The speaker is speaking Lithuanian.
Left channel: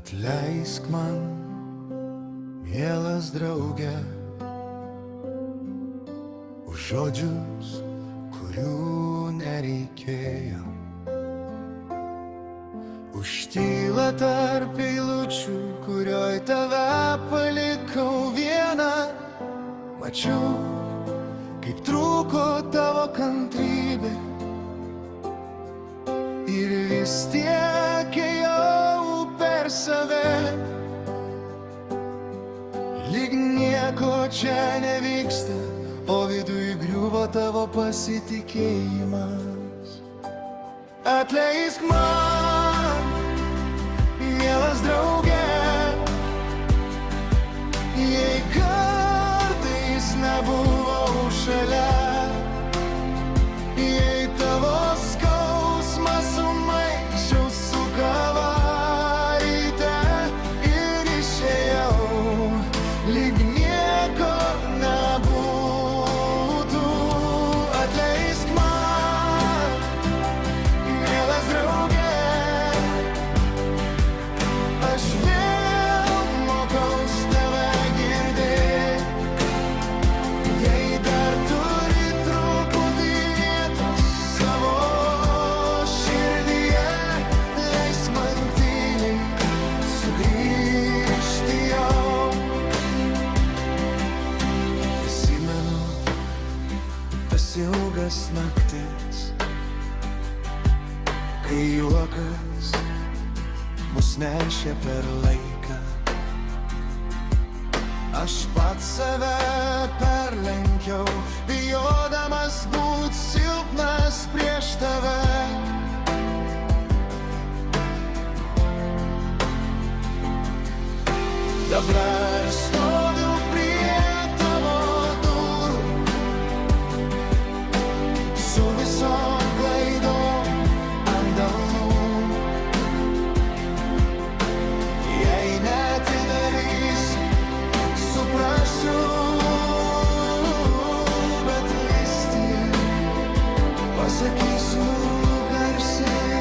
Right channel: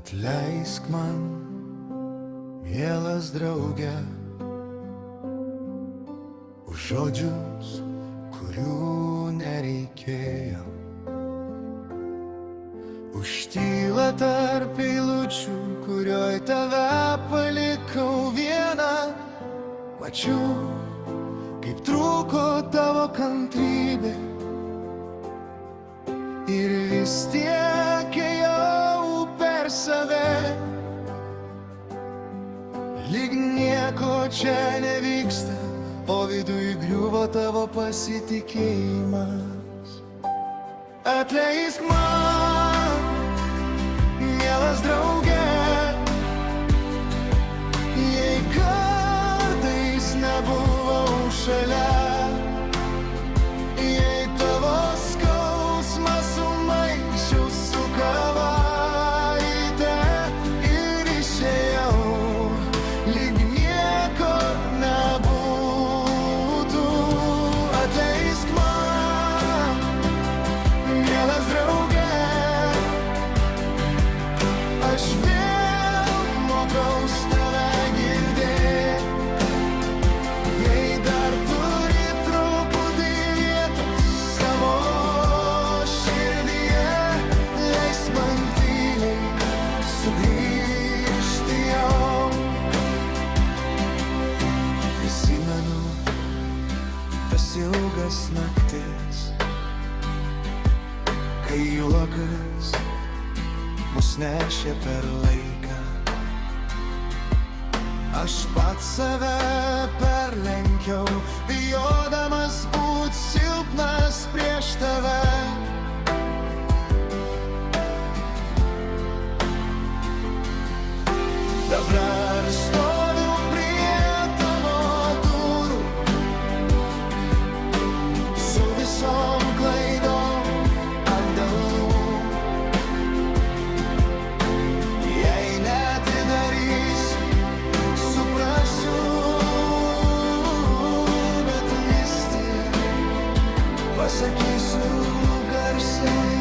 Atleisk man, mielas draugė, už žodžius, kurių nereikėjo, už tylą tarp eilučių, kurioj tave palikau vieną. Mačiau, kaip trūko tavo kantrybė, ir vis tiek ėjau per save. Lyg nieko čia nevyksta, o viduj griuvo tavo pasitikėjimas. Atleisk man, mielas draugė, jei kartais nebuvau šalia, jei tavo skausmą sumaišiau su kava ryte ir išėjau, lyg nieko nebūtų. Atleisk man, mielas draugė, aš vėl mokaus tave girdėt. Jei dar turi truputį vietos savo širdyje, leis man tyliai sugrįžti jau. Prisimenu tas ilgas naktis, kai juokas mus nešė per laiką. Aš pats save perlenkiau, bijodamas būt silpnas prieš tave. Dabar stoviu prie tavo durų, su visom klaidom ant delnų. Jei neatidarys, suprasiu, bet vis tiek pasakysiu garsiai.